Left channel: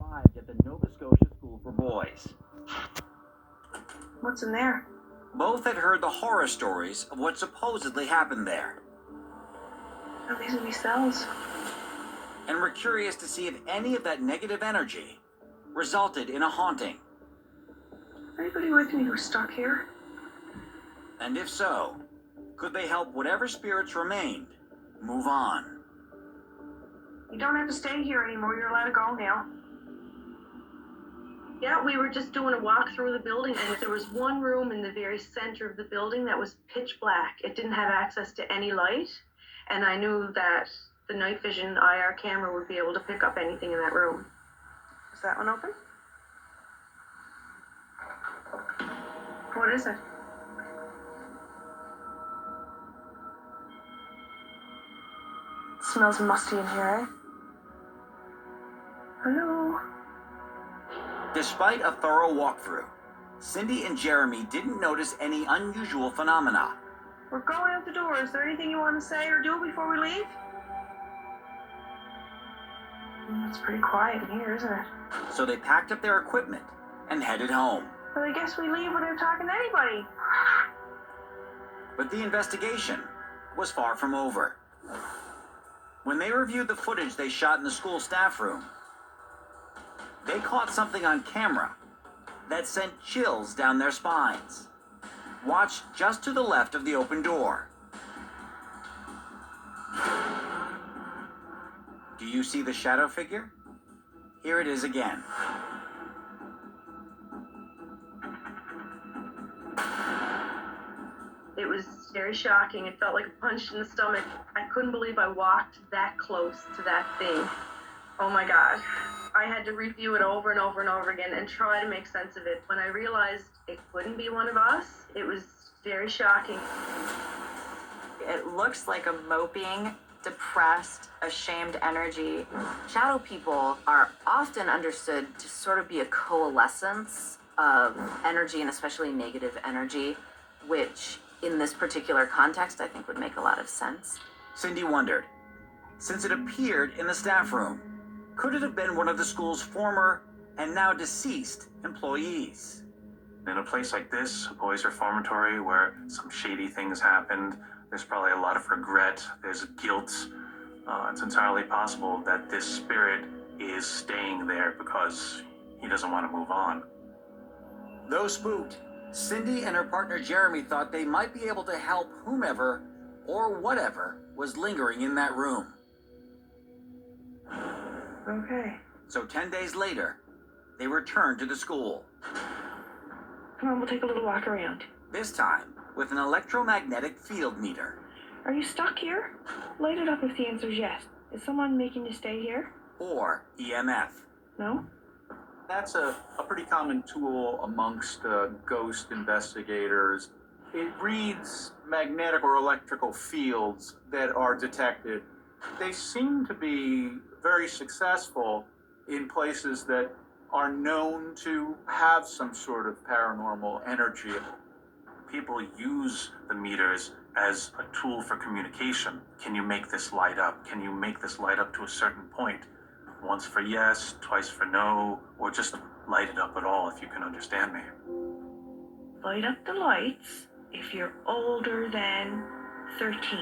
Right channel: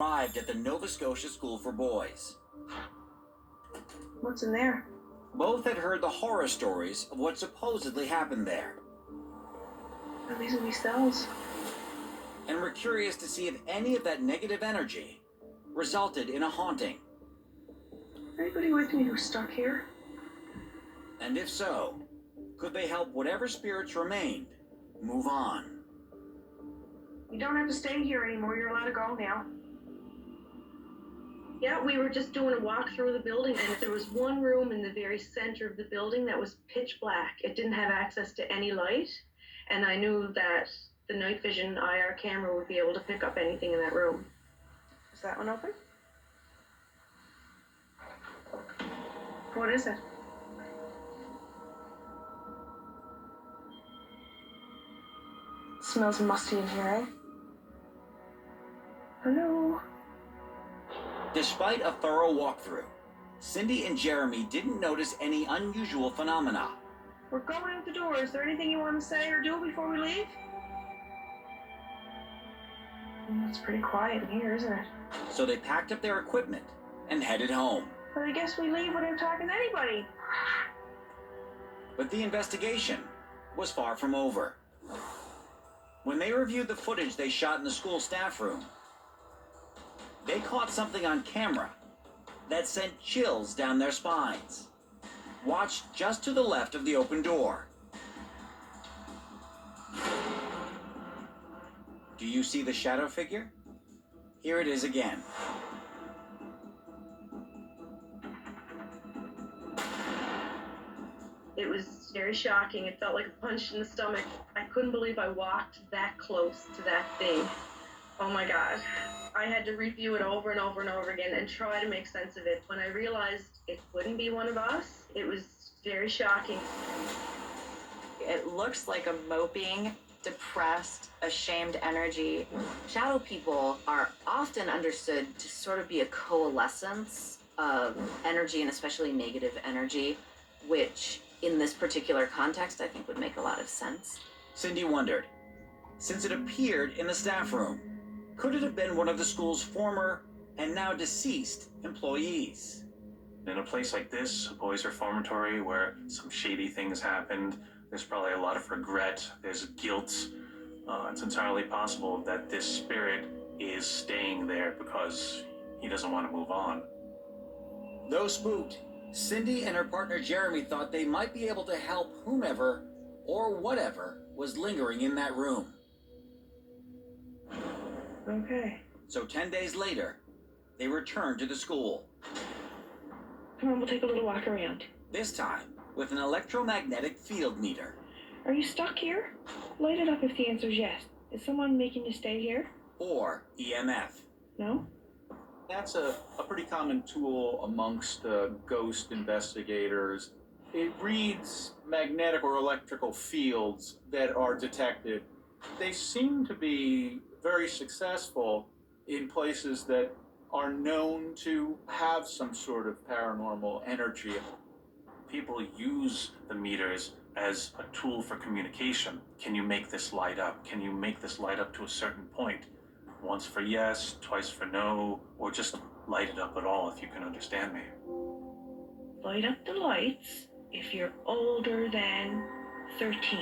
Arrived at the Nova Scotia School for Boys. What's in there? Both had heard the horror stories of what supposedly happened there, These are these cells. and were curious to see if any of that negative energy resulted in a haunting. Anybody with me who's stuck here? And if so, could they help whatever spirits remained move on? You don't have to stay here anymore. You're allowed to go now. Yeah, we were just doing a walk through the building, and there was one room in the very center of the building that was pitch black. It didn't have access to any light, and I knew that the night vision IR camera would be able to pick up anything in that room. Is that one open? What is it? It smells musty in here, eh? Hello? Despite a thorough walkthrough, Cindy and Jeremy didn't notice any unusual phenomena. We're going out the door. Is there anything you want to say or do before we leave? It's pretty quiet in here, isn't it? So they packed up their equipment and headed home. Well, I guess we leave without talking to anybody. But the investigation was far from over. When they reviewed the footage they shot in the school staff room, they caught something on camera that sent chills down their spines. Watch just to the left of the open door. Do you see the shadow figure? Here it is again. It was very shocking. It felt like a punch in the stomach. I couldn't believe I walked that close to that thing. Oh my God. I had to review it over and over and over again and try to make sense of it. When I realized it couldn't be one of us, it was very shocking. It looks like a moping, depressed, ashamed energy. Shadow people are often understood to sort of be a coalescence of energy, and especially negative energy, which in this particular context I think would make a lot of sense. Cindy wondered, since it appeared in the staff room, could it have been one of the school's former and now deceased employees? In a place like this, a boys' reformatory, where some shady things happened, there's probably a lot of regret, there's guilt. It's entirely possible that this spirit is staying there because he doesn't want to move on. Though spooked, Cindy and her partner Jeremy thought they might be able to help whomever or whatever was lingering in that room. Okay. So 10 days later, they returned to the school. Come on, we'll take a little walk around. This time with an electromagnetic field meter. Are you stuck here? Light it up if the answer's yes. Is someone making you stay here? Or EMF. No? That's a pretty common tool amongst ghost investigators. It reads magnetic or electrical fields that are detected. They seem to be very successful in places that are known to have some sort of paranormal energy. People use the meters as a tool for communication. Can you make this light up? Can you make this light up to a certain point? Once for yes, twice for no, or just light it up at all if you can understand me. Light up the lights if you're older than 13.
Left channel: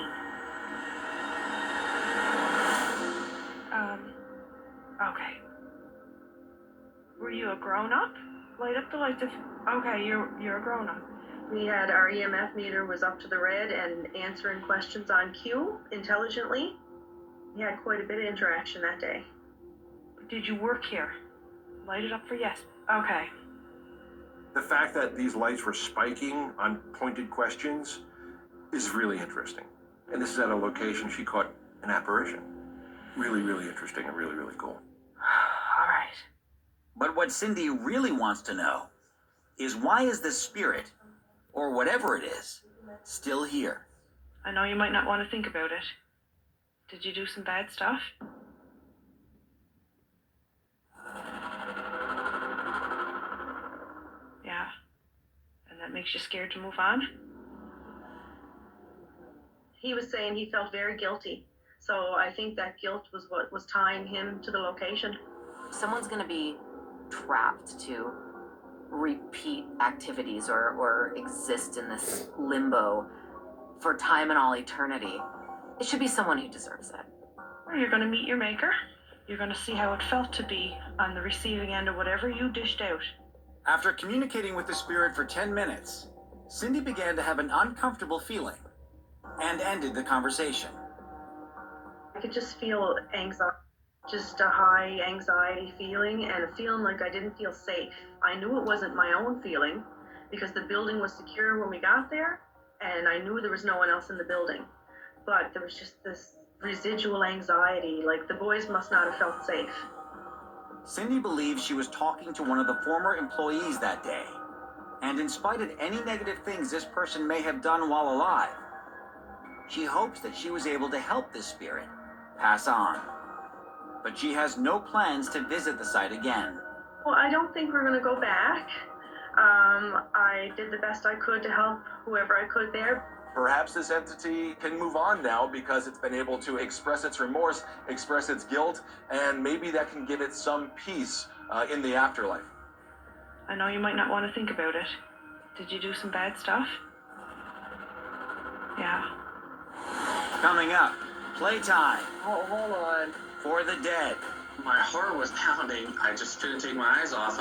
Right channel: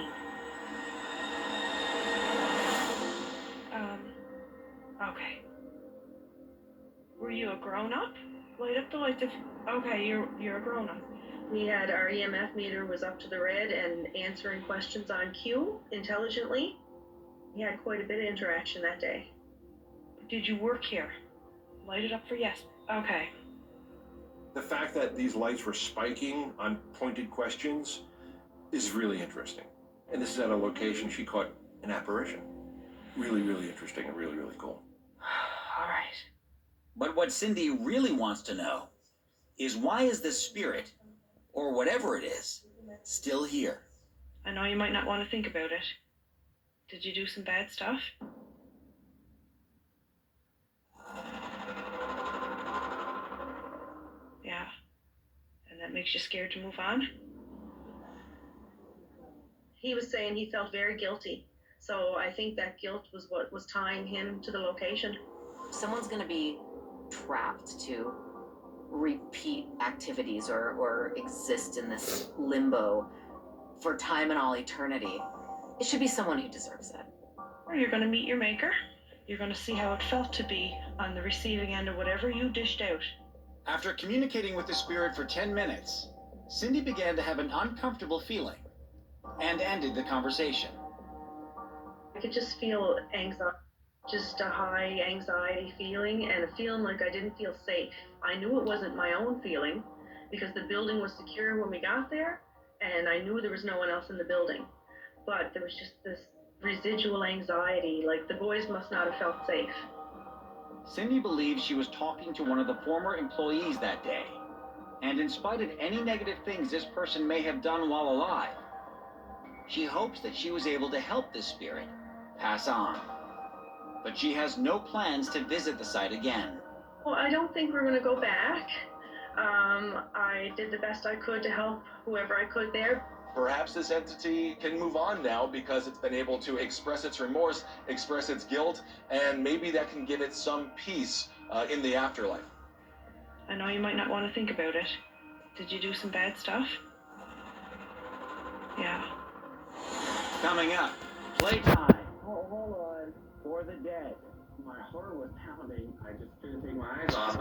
Okay. Were you a grown-up? Light up the lights if... Okay, you're a grown-up. We had our EMF meter was up to the red and answering questions on cue intelligently. We had quite a bit of interaction that day. Did you work here? Light it up for yes. Okay. The fact that these lights were spiking on pointed questions is really interesting. And this is at a location she caught an apparition. Really, really interesting and really, really cool. All right. But what Cindy really wants to know is why is this spirit, or whatever it is, still here? I know you might not want to think about it. Did you do some bad stuff? Yeah. And that makes you scared to move on? He was saying he felt very guilty. So I think that guilt was what was tying him to the location. someone's gonna be trapped to repeat activities or exist in this limbo for time and all eternity, it should be someone who deserves it. Or you're going to meet your maker. You're going to see how it felt to be on the receiving end of whatever you dished out. After communicating with the spirit for 10 minutes, Cindy began to have an uncomfortable feeling and ended the conversation. I could just feel anxiety, just a high anxiety feeling and a feeling like I didn't feel safe. I knew it wasn't my own feeling because the building was secure when we got there and I knew there was no one else in the building. But there was just this residual anxiety, like the boys must not have felt safe. Cindy believes she was talking to one of the former employees that day. And in spite of any negative things this person may have done while alive, she hopes that she was able to help this spirit pass on. But she has no plans to visit the site again. Well, I don't think we're going to go back. I did the best I could to help whoever I could there. Perhaps this entity can move on now because it's been able to express its remorse, express its guilt, and maybe that can give it some peace in the afterlife. I know you might not want to think about it. Did you do some bad stuff? Yeah. Coming up, playtime Oh, hold on. for the dead. My heart was pounding. I just couldn't take my eyes off